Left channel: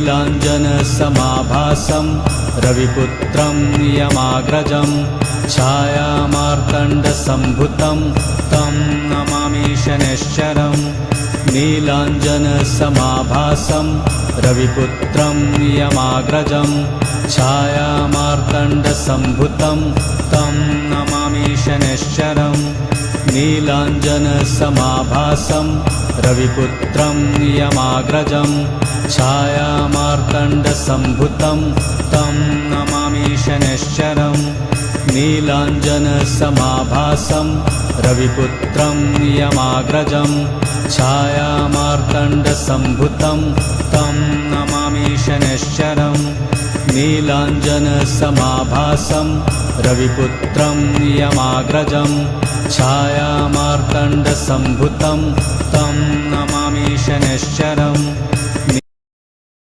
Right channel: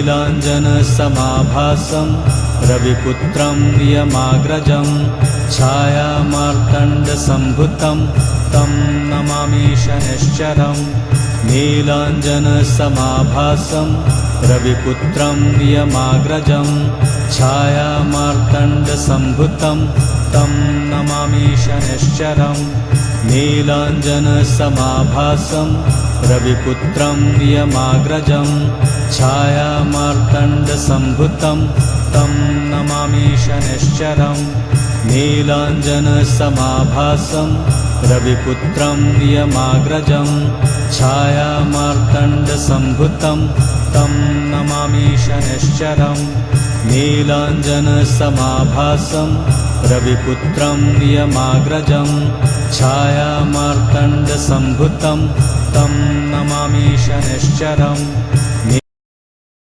नीलाञ्जनसमाभासं रविपुत्रं नियमाग्रजं छायामार्तण्डसम्भुतं तं नमामि शनैश्चरम् नीलाञ्जनसमाभासं रविपुत्रं नियमाग्रजं छायामार्तण्डसम्भुतं तं नमामि शनैश्चरम् नीलाञ्जनसमाभासं रविपुत्रं नियमाग्रजं छायामार्तण्डसम्भुतं तं नमामि शनैश्चरम् नीलाञ्जनसमाभासं रविपुत्रं नियमाग्रजं छायामार्तण्डसम्भुतं तं नमामि शनैश्चरम् नीलाञ्जनसमाभासं रविपुत्रं नियमाग्रजं छायामार्तण्डसम्भुतं तं नमामि शनैश्चरम्